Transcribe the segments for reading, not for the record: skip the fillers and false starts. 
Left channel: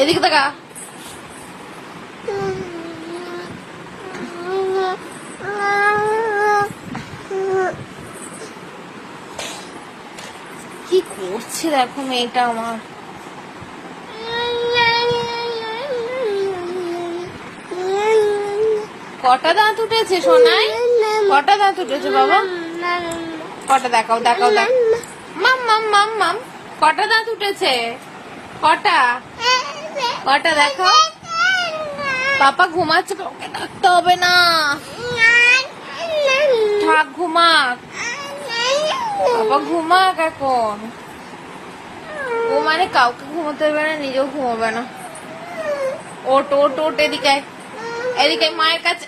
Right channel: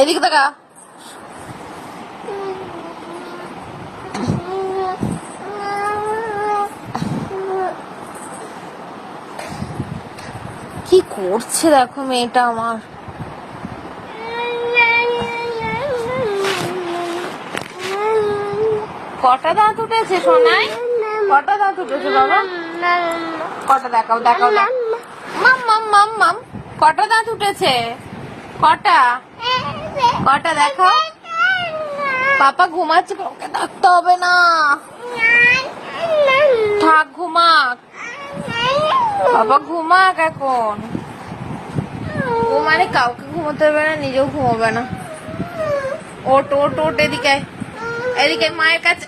এদিকে দেখা। কি করছে দেখো মেয়েটা আমার। কটা দাঁত উঠেছে সোনাই? কটা দাঁত উঠেছে বাবা? কটা দেখাও দেখাও দেখ। মাম মাম মাম মাম কটা দাঁত উঠেছে? কটা কটা দেখো। পাপা ঘুমাচ্ছে, ওকে ডাকতে হবে না, থাক ঘুমাক। বাবা ঘুমাক এখন। ও মানে কাউকে ঘুমোতে হবে না, নিজেও ঘুমোবে না। ওট ওট ওট এদিকে এদিকে মায়ের কাছে।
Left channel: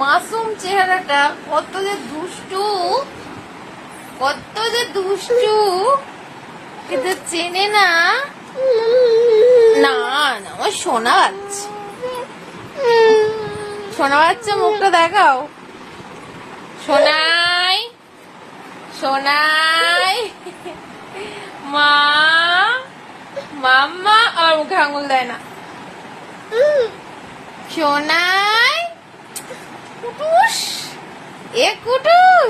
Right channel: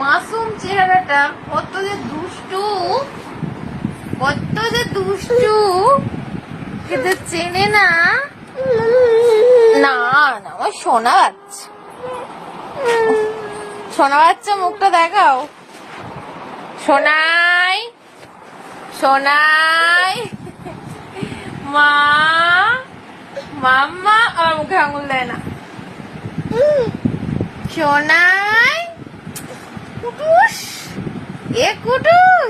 মাসুম চেহারাটা কত যে দুষ্টু, কত যে দুষ্টু, কিন্তু চেনে না। না না আমার সোনা বাচ্চা, সোনা বাচ্চা মুখটা দেখাও। সোনাই সোনাই মা মাম্মা, আমার মুখে আঙুল দেয় না। সোনাই কুটুস, এ কুটুস।